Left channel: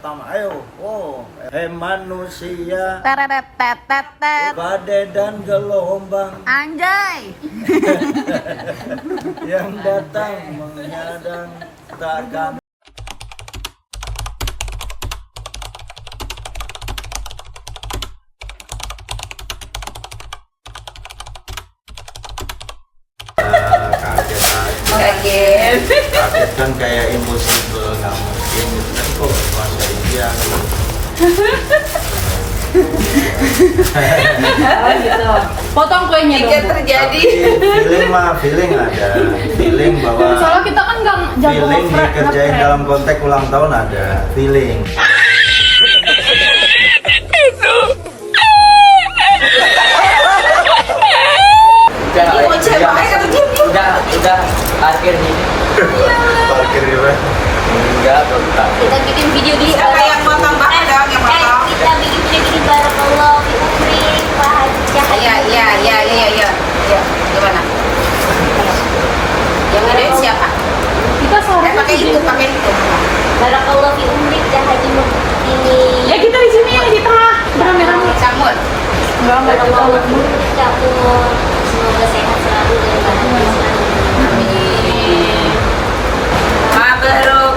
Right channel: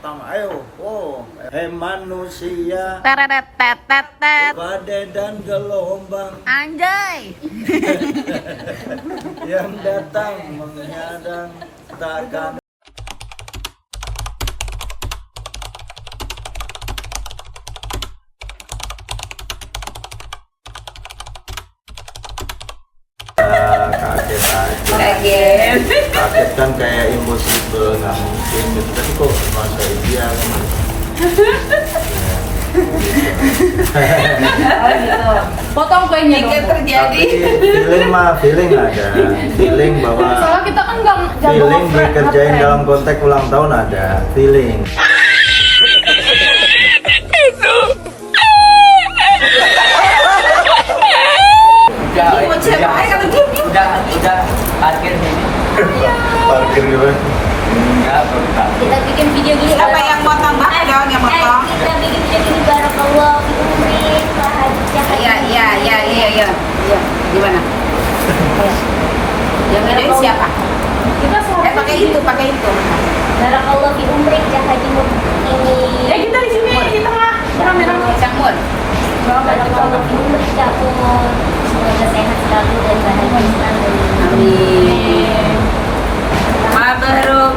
Ayo, manusia, Teretet. badai dan gelombang Anjay. yang datang menghadang takkan. Kaget. Kaget kan kayak impossible, nggak mungkin gitu. Tapi kok bahasa India kan? Potong kuenya dong. Kaget terjadi. Tapi feeling ada. Feeling bahwa Soalnya kita kan nggak feeling dikerjain dalam konteks ulang tahun ada. Feeling. Udah parkir nih. Parkir gitu. Enggak, enggak. Kita bikin video gini. Apa yang potong banget dong yang potong? Kita bikin video gini barakallah fi umri wa hajjah. Iya. Gimana? Yang ngadain siapa? Kita sama. Pakai itu. Barakallah fi umri dan hajimu ini. Ya kita di sini di tengah. Camur. Barakallah fi umri ya Allah. Semoga sehat selalu dan bahagia selalu. Amin. Mabruk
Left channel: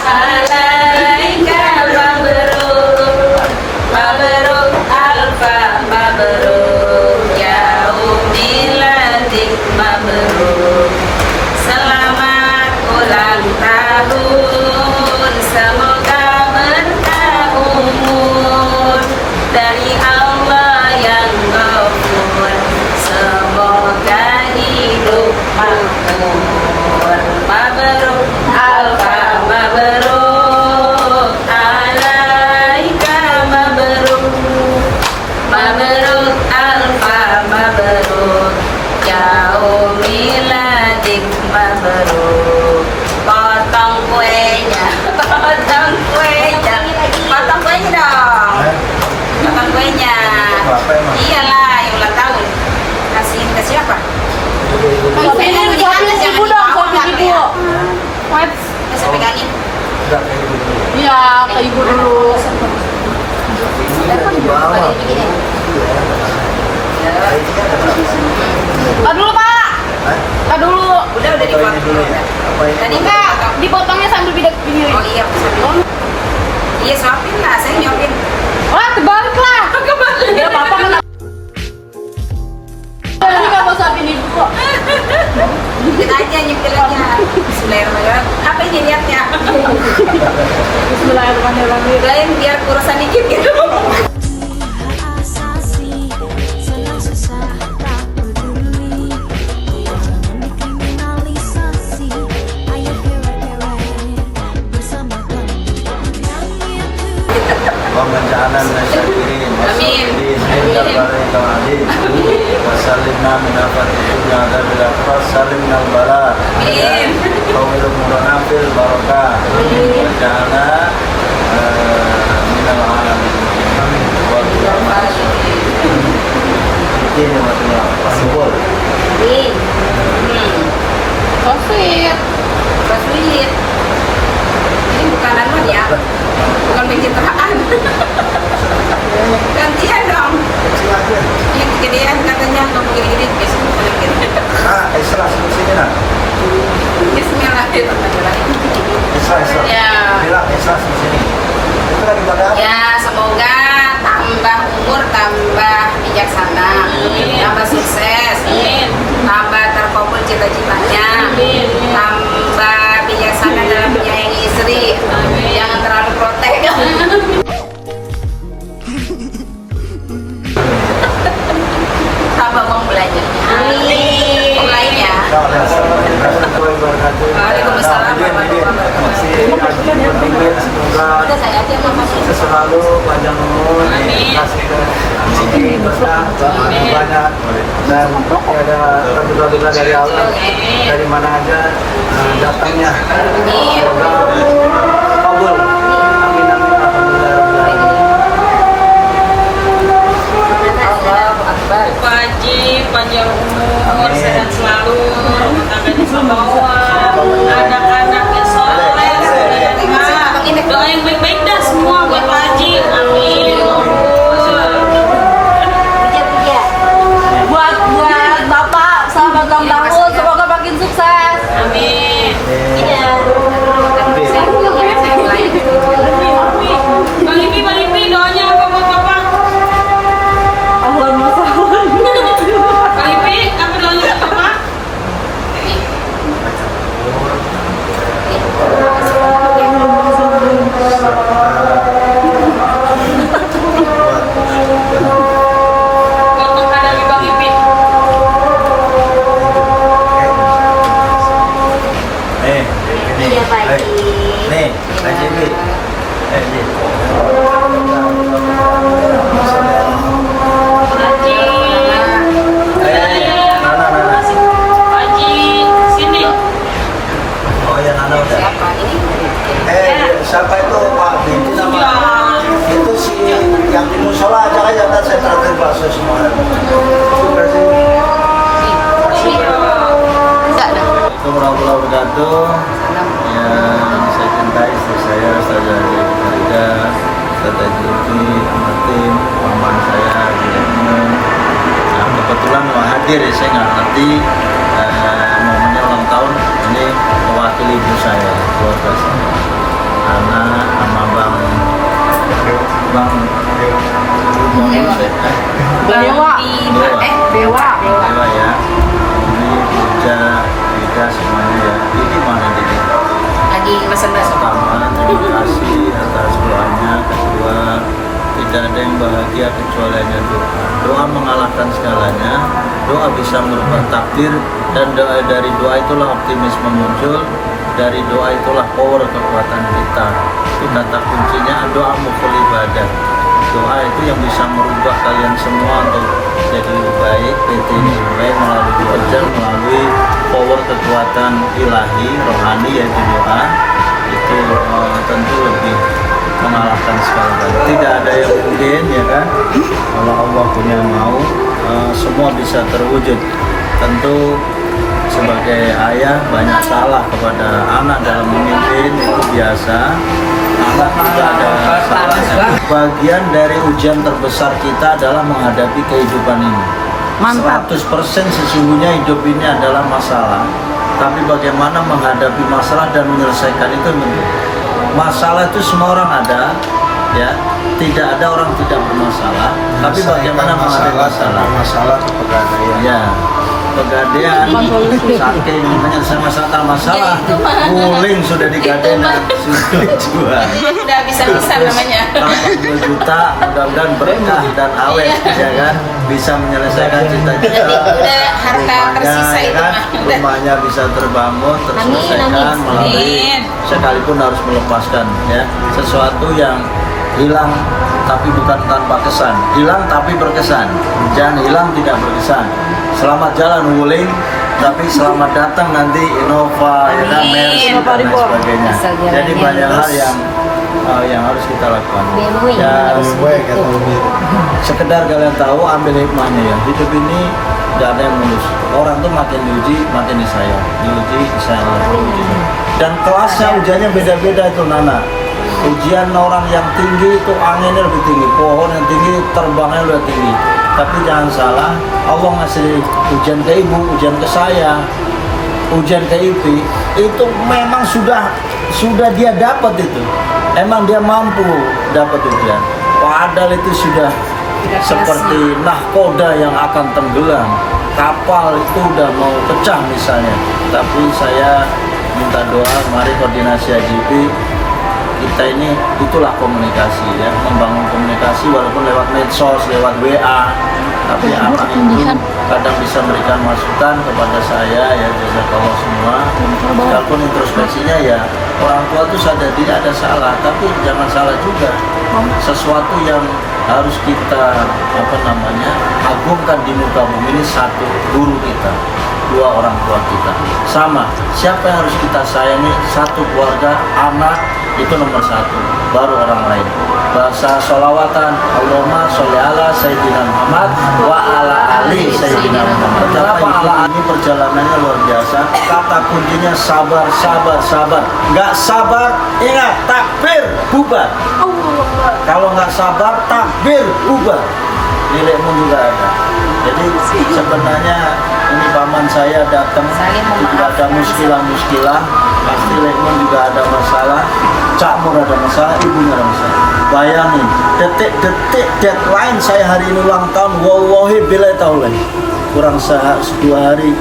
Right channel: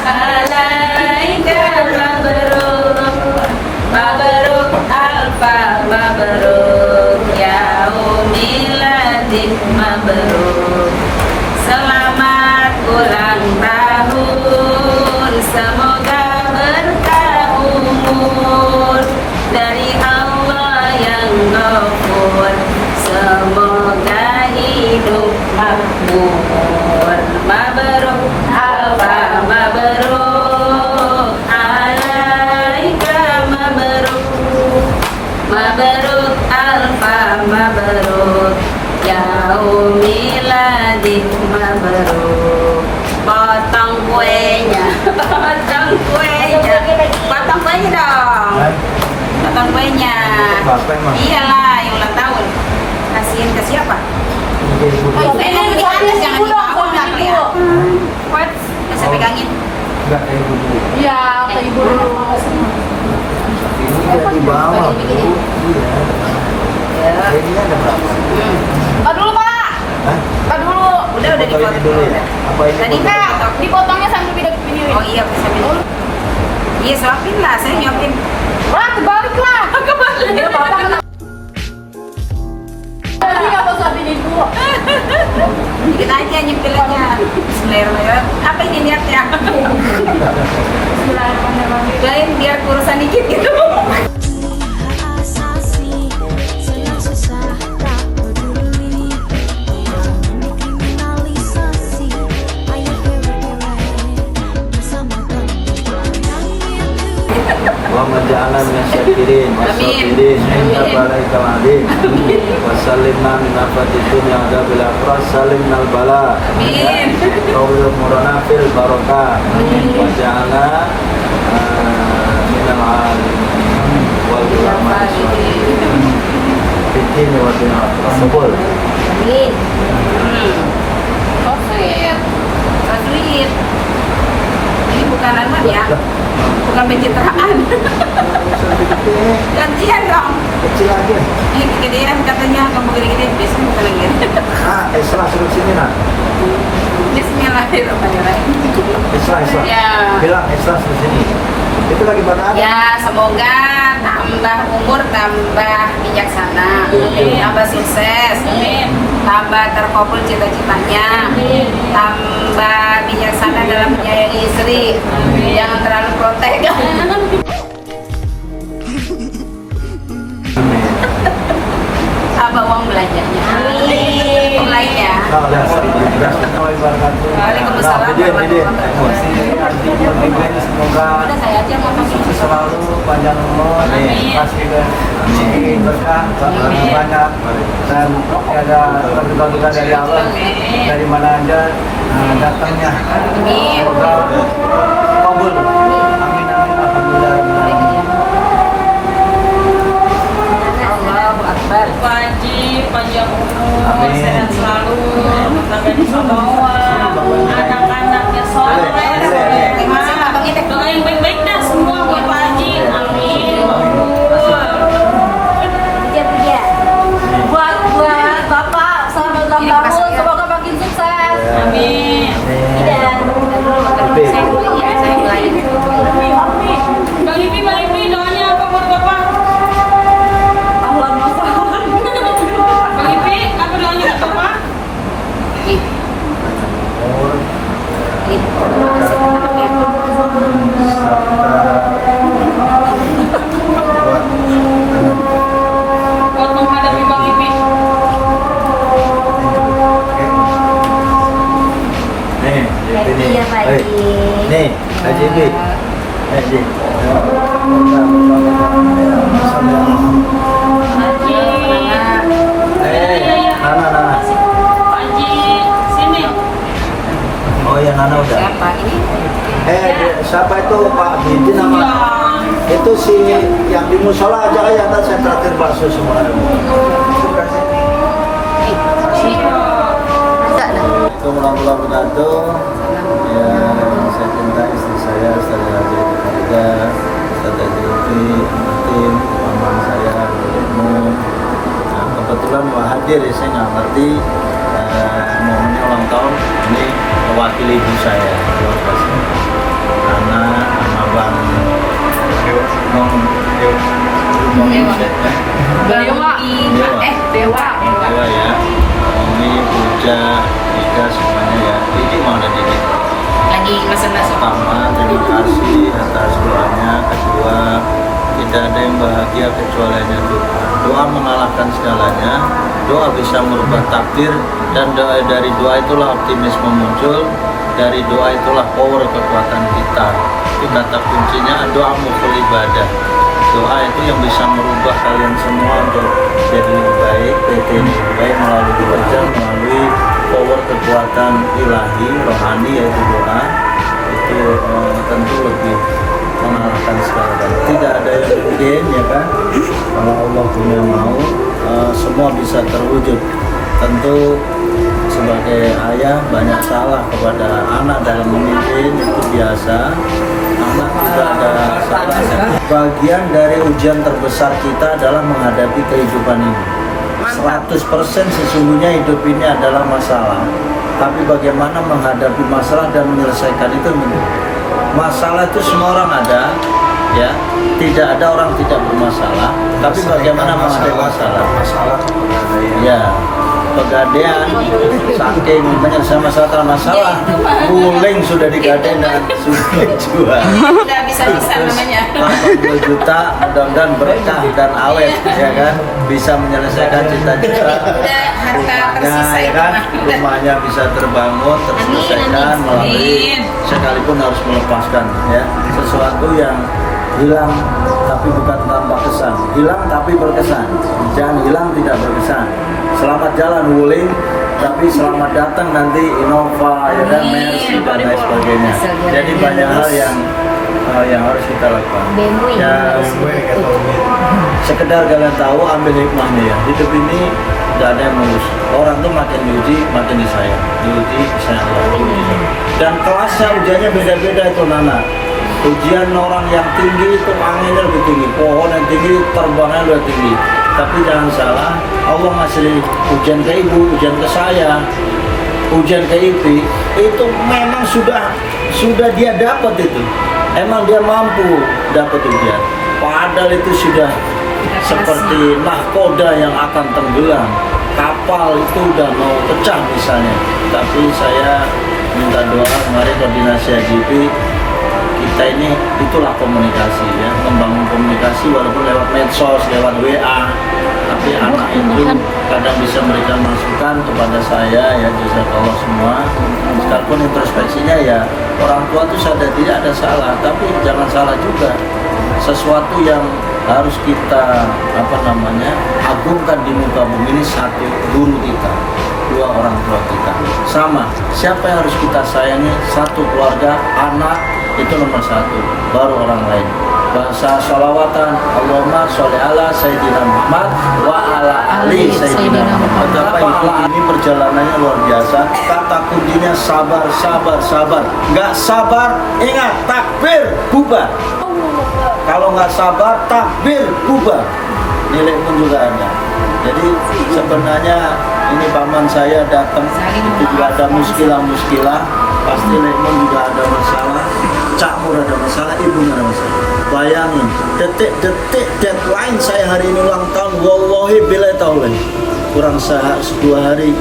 alaika mabruk alfa mabruk ya umiladik mabruk. Selamat ulang tahun, semoga berkah umur dari Allah yang Ghafur. Semoga hidup makmur. Mabruk alfa mabruk alaika mabruk alfa mabruk ya umiladik mabruk. Potong kuenya dong. Potong kuenya. Iyalah, yang ulang tahun. Kasih ke siapa? Jangan dibawa nggak ya? Bisa pegangin. Enggak kayak gitu. Iya, ke ibu dulu. Ini udah di bawah. Tar dulu, Pak. Hah? Tar dulu. Udah Ini dipotong. dulu ya. Apa itu? Tadi Enggak, dipotongnya sambil bidek begini. Oh iya, bisa dipotong. Iya, suapin lah, saya nyopin. Wah, kebalik lah. Kebalik. Ya, Bapak kan. Lagi nggak mau sambil ibu. Bikin aja, nyepil aja. Bismillahirrahmanirrahim. Apa ini niatnya? Bismillahirrahmanirrahim. Lain biar urusan dikit gitu. Asasi senang susah tak peduli, jangan dikriminalisasi. Ayo kere-kere bersama kami yang itu. Wa menjalan nasyakirin. Amin. Wasallimna min afati dunya adabil akhirah. Salimna al-bala. Amin. Qawil mutanafil barakah. Waja'alna minal alamin. Wa bi'ini wa tuna sebol. Amin. So sweet. Ini bukan anak ya. Bukan pencitraan. Gantian dong. Kecil aja. Ini kegedean katanya kamu gini-gini besok kalian. Isra sini lah. Bismillahirrahmanirrahim. Isra. Ya. Bilang Isra sini. Itu lagi bakal. Ya, semoga tambah umur, tambah bijaksana, tambah sukses, tambah terkabul cita-citanya, tambah bijaksana dalam menyayangi istri, jangan terlalu protek. Tambah uang belanjanya. Amin. Mulai ya. Waalaikumsalam. Semoga Udah saya aja ngomong. selalu panjang umur, kasih berkah banyak dan ada berduka dari Allah dari mana aja datangnya. Semoga kabul. Amin amin alhamdulillah rabbil alamin. Allahu Akbar. Wajib panjang umur, sehat selalu, tenaga di bawah, anak-anaknya soleh, Buat menghadapi Bang Ipin. Nih, ini. Iya, Pak Baik. Haji. Nih, Haji Bit. Haji. Haji. Nana. Haji, sini. Oh ya, Nana udah. Siapa ini? Siapa itu Pak Binti nama? Itu si yang di musola aja aja, ntar saya terakhir kelasnya semua. Assalamualaikum warahmatullahi wabarakatuh. Ya, saya cintai istri saya, Ustazah Haji Farida, Ustazah Haji Ufi, Amatim, paman saya, Dedekmu. Nah, kebetulan mau hadir, saya nggak ngerti momennya ulang tahun. Ini mewakili ibu saya, keluarga saya. Anak sama Bang Dewa ya, Umi, Puja, Ika semuanya ya. Ini mana jadi? Lagi mesen-mesen. Pertama, terima kasih atas doanya. Kedua, tidak ada yang bahagia kecuali hanya doa. Doa mengalahkan segalanya. Doa bisa merubah takdir, dan dari doa itulah optimisme muncul. Dari doa itulah power kekuatan kita. Itu kata kuncinya, doa mukul ibadah. Doa itu yang bisa merubah kalian semua untuk jadi lebih baik, PT ini lebih baik melalui kerja, melalui power kekuatan ilahi, rohani, yaitu doa. Itu tentu lebih mengalahkan segala-galanya. Tidak ada yang mungkin, ya kan? Kalau Allah punya mau, semua bisa terwujud. Tentu sebagai ayah banyak salah kepada anak dalam memimpin, itu biasa. Anak juga ada salahnya. Bagian dari ujian terbesar kita adalah menghadapi kehidupan ini. 100% sesungguhnya hidup ini adalah masalah. Tapi bagaimana menghadapi masalah dan menyelesaikan itu penting. Masalah itu semua orang ada, ya. Tidak ada orang tidak bermasalah. Tapi bagaimana menghadapi masalah? Ya. Pegadaian, saking menyelesaikan masalah, guling sudah digadein dan sudah jual. Udah bisa-bisa namanya. 80 juta, mudah-mudahan berkah dan awet, ya kan? Bisa menyelesaikan cita-cita Udah harta rumahnya, tersisa ya kan? Rumahnya bisa terbangun, terselesaikan melalui sekalipun harus melepaskan, ya, sesuatu yang hilang tapi bukan tanpa kesan, hilang tapi berkesan. Jangan hilang tidak berkesan. Selamat jalan Wuling, tapi selamat datang nanti Innova, ya kan, Mercy dan lain sebagainya. Jadi banyak hal yang harus kita lakukan. Ya, sekedar kalian tahu, ambil hikmahnya ya. Hidup ini nggak ada yang mulus. Orang tuh makin diuji, makin disayang. Diuji, disayang Allah. Dan kelasnya ujiannya beda-beda itu, Nana. Ujian orang yang tinggi itu anginnya lebih tinggi, pohon yang tinggi terbangnya lebih tinggi. Tapi jangan salah, Allah ngasih ujian ke ibu, ujian ke saya, ujian ke Ipi, itu memang sudah dia dapat itu. Emang dia mampu dapat ujian. Padahal itu sudah seperti nahkoda yang akan tenggelam. Kapal itu udah mau pecah misalnya. Tapi saya minta doa, mari koordinasi AGP. Kita ini itulah komunikasi, ya, membangun komunikasi walaupun lewat medsos, lewat WA. Tapi anak itu kadang bisa memberikan masukan kepada saya, ya, jazakallah semua. Sekalipun introspeksinya ya orang tua itu sadar tidak ada salah, tapi jangan salah juga. Sesuatu yang harus kita agungkan di muka bumi ini, satu, guru kita, dua, orang tua kita. Sama, siapa yang harus kita sayangi? Satu, keluarga, anak, itu nomor satu, baru orang lain. Bahasa sholawatan, Allahumma sholli ala Sayyidina Muhammad wa ala ali Sayyidina Muhammad. Betapa ini perjalanannya luar biasa. Kata kuncinya sabar, sabar, sabar. Nggak sabar, ingat, takbir, bubar. Kalau nggak sabar, takbir, bubar. Nilai pun juga ada. Jadi sebenarnya ini paman saya datang, itu juga ada muskilah-muskilah. Pasti Lekmon juga ada masalah, Cak Mur ada masalah, ibunya ada masalah. Bayangin, detik-detik deadline saya hari ini ulang tahun, wallahi bila tahu kurang 2 hari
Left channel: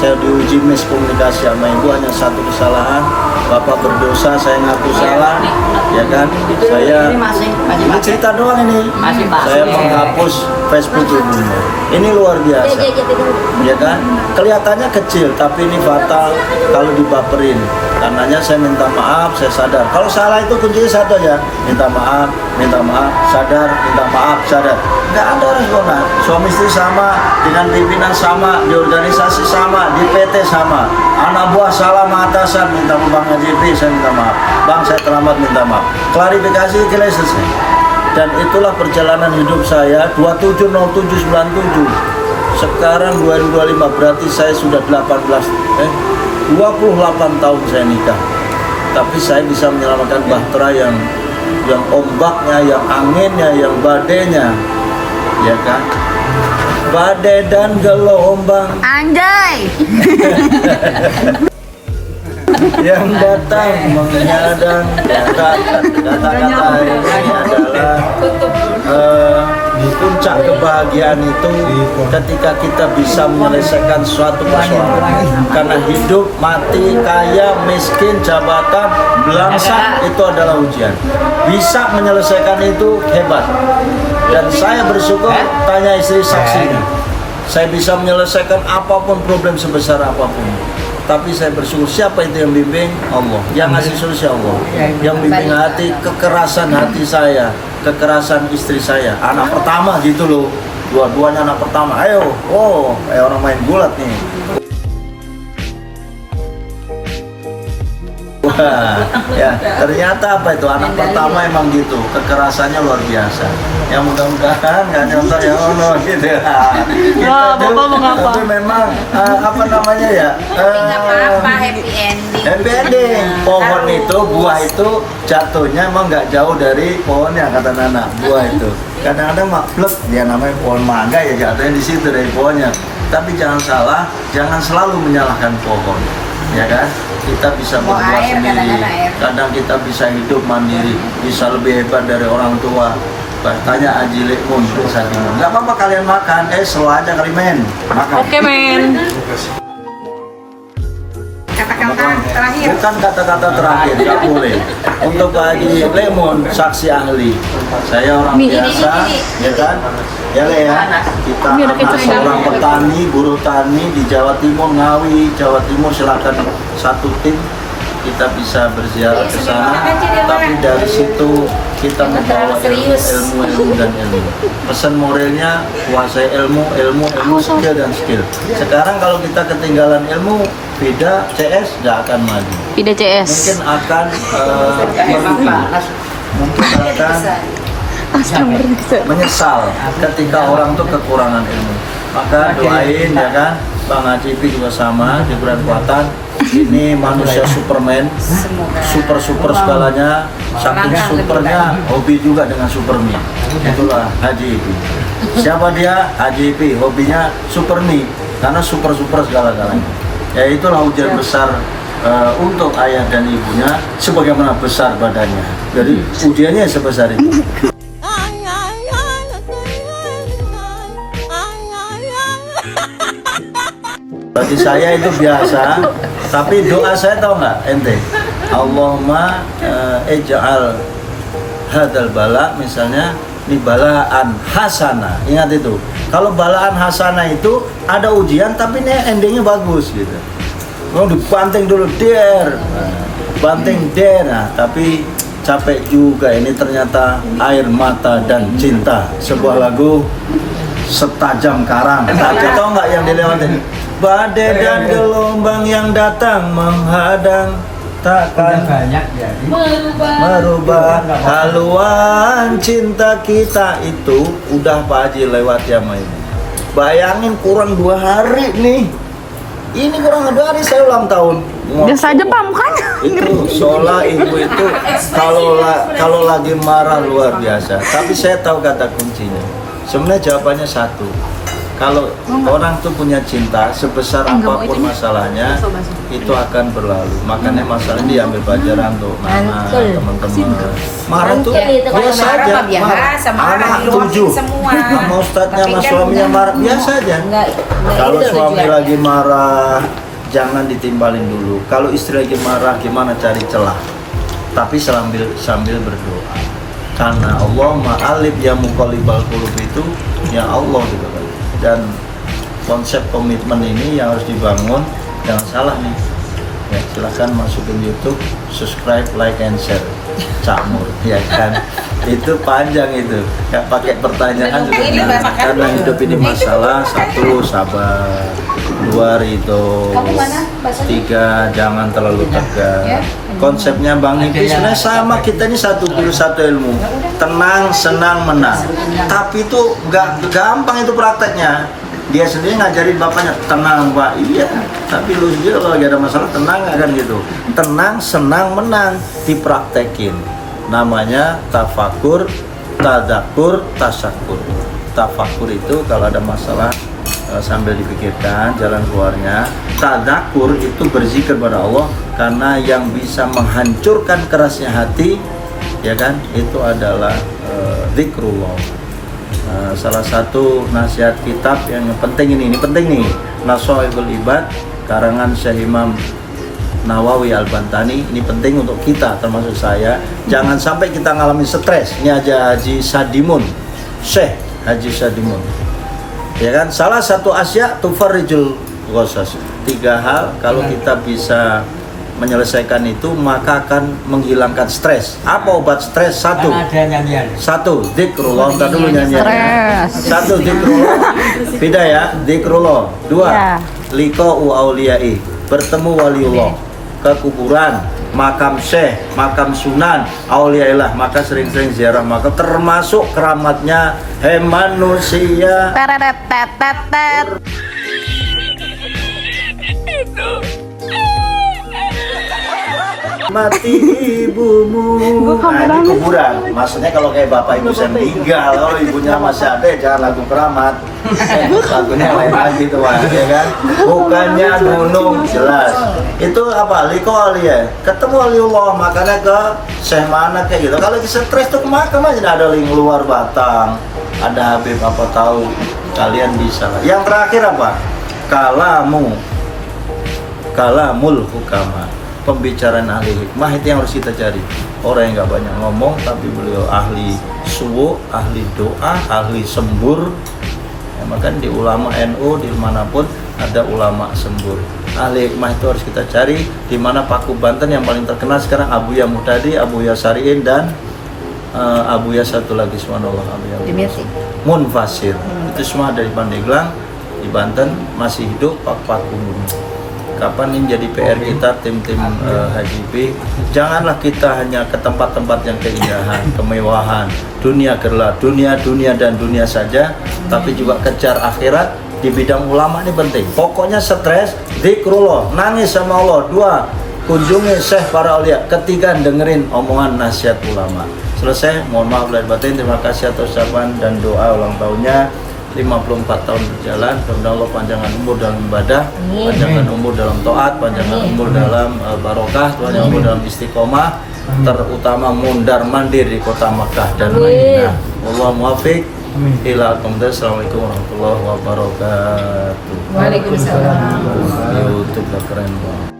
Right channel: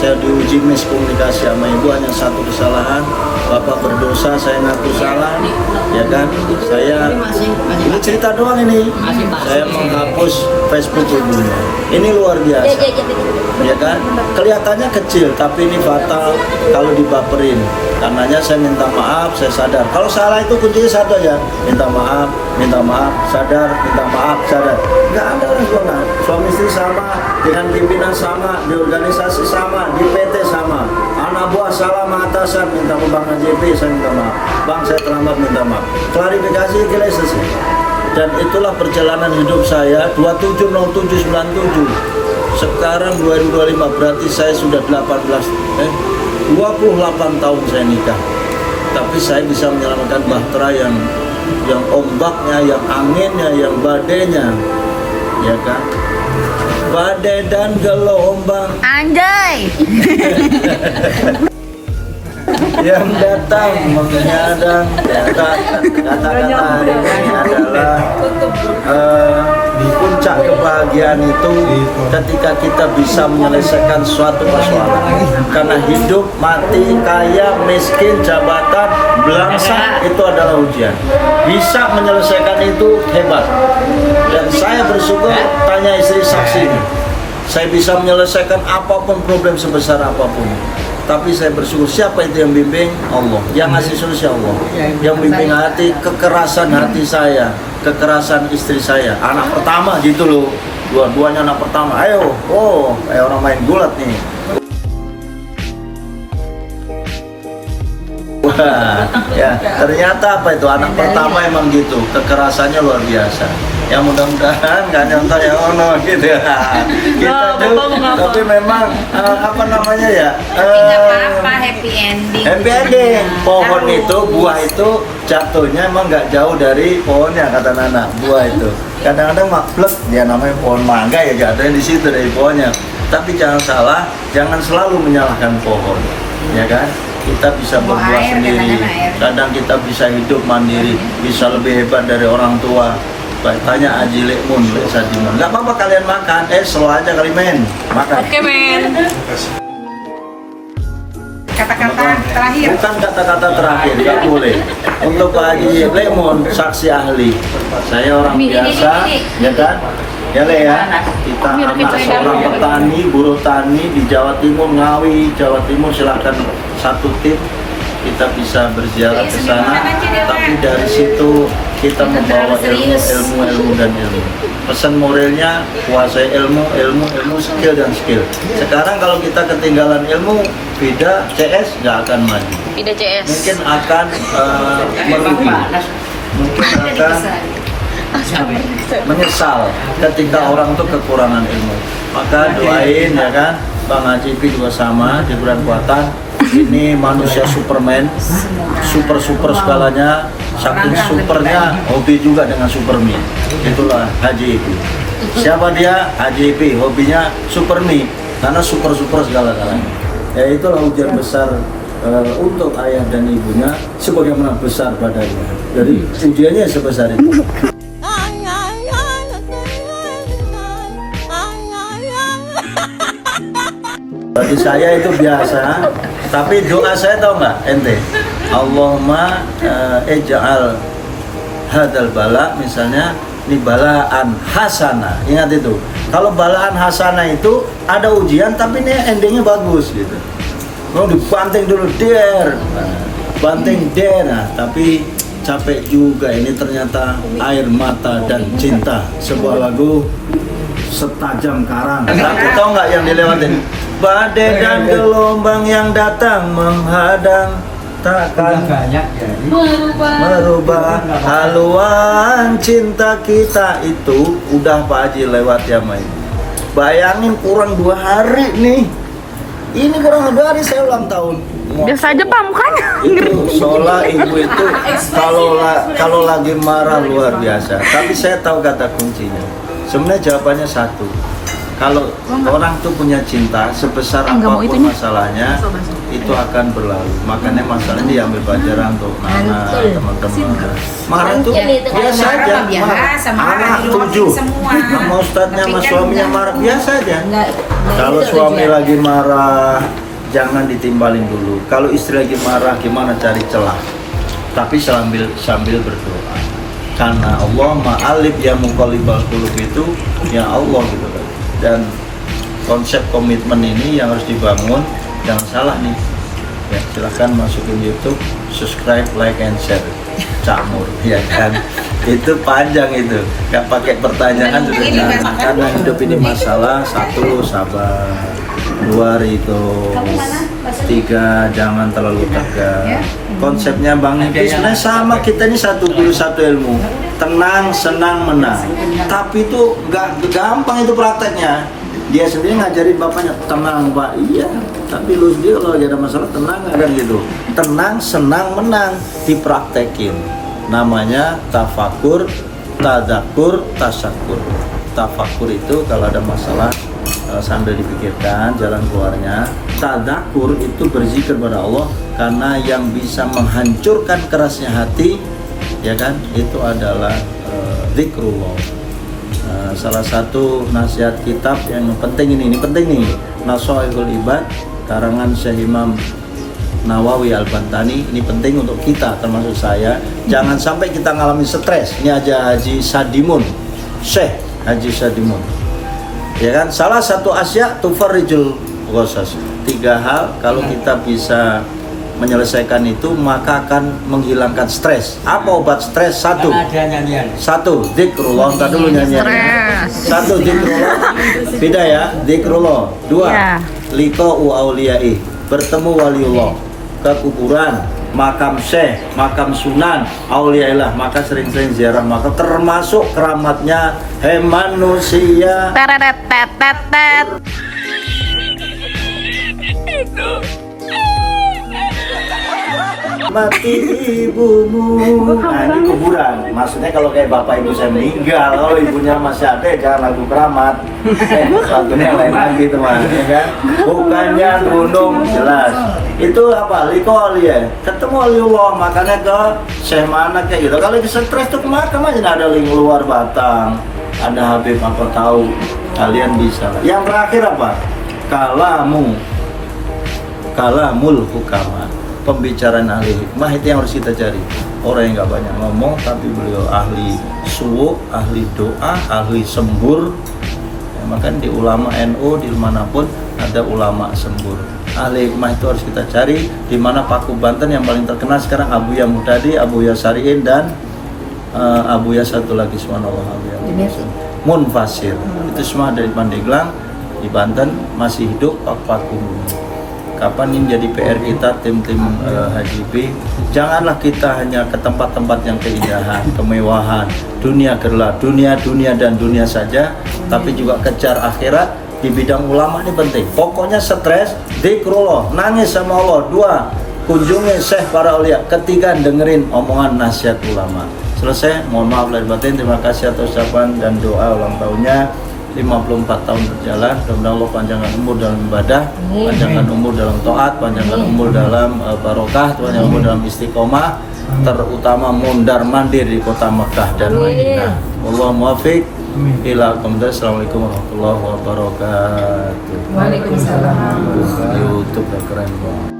saya diuji miskomunikasi sama ibu, hanya satu kesalahan, bapak berdosa, saya ngaku salah, ya kan? Saya ini cerita doang ini, saya menghapus Facebook ibunya. Ini luar biasa, ya kan? Kelihatannya kecil, tapi ini fatal kalau dibaperin. Karenanya saya minta maaf, saya sadar. Kalau salah itu kuncinya satu aja, minta maaf, sadar, minta maaf, sadar. Nggak ada orang zona. Suami istri sama, dengan pimpinan sama, di organisasi sama, di PT sama. Anak buah salah sama atasan, minta ke Bang AJP, saya minta maaf. Bang, saya terlambat, minta maaf. Klarifikasi kira selesai. Dan itulah perjalanan hidup saya 270797. Sekarang 2025, berarti saya sudah 28 tahun saya nikah, tapi saya bisa menyelamatkan bahtera yang ombaknya, yang anginnya, yang badainya, ya kan? Badai dan gelombang Anjay. yang datang menghadang. Kata-kata hari ini adalah puncak kebahagiaan itu ketika kita bisa menyelesaikan suatu persoalan. Karena hidup, mati, kaya, miskin, jabatan, belangsak itu adalah ujian. Bisa menyelesaikan itu hebat. Dan saya bersyukur, tanya istri saksinya, saya bisa menyelesaikan apapun, problem sebesar apapun. Tapi saya bersyukur, siapa itu yang bimbing? Allah. Yang ngasih solusi Allah. Yang bimbing hati, kekerasan hati saya, kekerasan istri saya. Anak pertama gitu loh. Dua-duanya anak pertama. Ayo, kayak orang main gulat nih. Wah, ya ternyata apa itu anak pertama emang gitu, kekerasannya luar biasa. Ya mudah-mudahan nggak nyontoh ya ono gitu ya. Kita tuh, tapi memang apa namanya ya? Apa-apa, happy ending. Happy ending. Pohon itu, buah itu jatuhnya emang nggak jauh dari pohonnya kata Nana. Buah itu kadang-kadang maklek, dia namanya pohon mangga ya jatuhnya di situ dari pohonnya. Tapi jangan salah, jangan selalu menyalahkan pohon, ya kan? Kita bisa berbuat sendiri. Kadang kita bisa hidup mandiri, bisa lebih hebat dari orang tua. Tanya Aji Lekmun, Sadimun. Nggak apa-apa kalian makan, slow aja kali men. Makan. Oke, men. Kata-kata terakhir. Bukan kata-kata terakhir, nggak boleh. Untuk Pak Haji Lemon, saksi ahli. Saya orang biasa, ya kan? Ya Le ya, kita anak seorang petani, buruh tani di Jawa Timur, Ngawi, Jawa Timur, silakan satu tim. Kita bisa berziarah ke sana, tapi dari situ kita membawa ilmu dan ilmu. Pesan moralnya, kuasai ilmu, skill dan skill. Sekarang kalau kita ketinggalan ilmu, beda CS nggak akan maju. Pide CS. Mungkin akan merugi, mungkin akan menyesal ketika orang tuh kekurangan ilmu. Maka doain ya kan, Bang Haji juga sama, diberi kekuatan. Ini manusia Superman, super segalanya, saking supernya hobi juga dengan Superman. Itulah Haji Ipi. Siapa dia? Haji Ipi, hobinya Superman karena super segala-galanya. Ya itulah ujian besar untuk ayah dan ibunya, sebagaimana besar badannya. Jadi ujiannya sebesar itu. Bagi saya itu biasa, tapi doa saya tahu nggak ente? Allahumma ij'al hadal bala, misalnya ini balaan hasanah. Ingat itu. Kalau balaan hasanah itu ada ujian tapi ini endingnya bagus gitu. Mau dibanting dulu banting nah, tapi capek juga ini ternyata air mata dan cinta. Sebuah lagu setajam karang. Tapi tahu nggak yang dilewatin? Badai dan gelombang yang datang menghadang takkan merubah haluan cinta kita. Itu udah Pak Haji lewat ya main. Bayangin kurang 2 hari nih. Ini kurang 2 hari saya ulang tahun. Biasa aja Pak mukanya. Itu Sola ibu itu kalau lagi marah luar biasa. Tapi saya tahu kata kuncinya. Sebenarnya jawabannya satu. Kalau orang tuh punya cinta sebesar apapun masalahnya, itu akan berlalu. Makanya masalah ini diambil pelajaran untuk anak teman-teman. Marah itu biasa aja, marah. Anak 7 sama ustadznya sama suaminya marah biasa aja. Kalau suami lagi marah jangan ditimbalin dulu. Kalau istri lagi marah gimana cari celah. Tapi sambil berdoa. Karena Allah ma'alif ya muqallibal qulub itu ya Allah gitu kan. Dan konsep komitmen ini yang harus dibangun. Jangan salah nih ya, silahkan masukin YouTube, subscribe, like, and share Cak Mur, ya kan. Itu panjang itu, nggak pakai pertanyaan juga nah, karena hidup ini masalah. 1, sabar. 2, ridho. 3, jangan terlalu tegang. Konsepnya Bang Ipi sebenarnya sama, kita ini satu guru satu ilmu, tenang, senang, menang. Tapi itu nggak gampang itu prakteknya. Dia sendiri ngajarin bapaknya, tenang Pak, iya. Tapi lu sendiri kalau lagi ada masalah tenang kan gitu. Tenang, senang, menang, dipraktekin. Namanya tafakur, tadakur, tasakur. Tafakur itu kalau ada masalah sambil dipikirkan jalan keluarnya. Tadakur itu berzikir pada Allah, karena yang bisa menghancurkan kerasnya hati, ya kan, itu adalah zikrullah. Salah satu nasihat kitab yang penting ini penting nih, Nasoihul Ibad karangan Syekh Imam Nawawi Al-Bantani. Ini penting untuk kita, termasuk saya. Jangan sampai kita ngalamin stres. Ini aja Haji Sadimun, Syekh Haji Sadimun, ya kan, salah satu asya tufarrijul ghasas. 3 hal kalau kita bisa menyelesaikan itu maka akan menghilangkan stres. Apa obat stres? 1, zikrullah. Entar dulu nyanyiannya. 1, zikrullah. Beda ya, zikrullah. 2, liqa'u auliyai, bertemu waliullah. Ke kuburan, makam syekh, makam sunan, auliailah, maka sering-sering ziarah makam, termasuk keramatnya manusia. Mati ibumu. Nah ini kuburan. Maksudnya kalau kayak bapak ibu saya meninggal, kalau ibunya masih ada, jangan lagu keramat. Lagunya lain lagi teman, ya kan? Bukannya gunung, jelas. Itu apa? Liko alia. Ketemu waliullah, makanya ke Syekh mana kayak gitu. Kalau stres tuh ke makam aja, ada link luar Batang, ada Habib apa tahu. Kalian bisa. Yang terakhir apa? Kalamul hukama. Pembicaraan ahli hikmah itu yang harus kita cari. Orang yang nggak banyak ngomong tapi beliau ahli suwu, ahli doa, ahli sembur ya, makanya di ulama NU di manapun ada ulama sembur. Ahli hikmah itu harus kita cari. Di mana Paku Banten yang paling terkenal sekarang Abuya Muhtadi, Abuya Sariin, dan Abuya satu lagi, subhanallah, Abuya Munfasir. Itu semua dari Pandeglang di Banten, masih hidup Paku Bumi. Kapan ini jadi PR kita, tim-tim HJB, janganlah kita hanya ke tempat-tempat yang keindahan, kemewahan, dunia gelap, dunia dan dunia saja, tapi juga kejar akhirat. Di bidang ulama ini penting. Pokoknya stres, zikrullah, nangis sama Allah. 2, kunjungi syekh para aulia. 3, dengerin omongan nasihat ulama. Selesai, mohon maaf lahir batin. Terima kasih atas ucapan dan doa ulang tahunnya. 54 tahun berjalan, mudah-mudahan Allah panjangkan umur dalam ibadah, panjangkan umur dalam taat, panjangkan umur dalam barokah, panjangkan umur dalam istiqomah, terutama mondar mandir di kota Makkah dan Madinah. Wallahu muwaffiq ila aqwamid. Assalamualaikum warahmatullahi wabarakatuh. Waalaikumsalam. YouTube udah keren banget.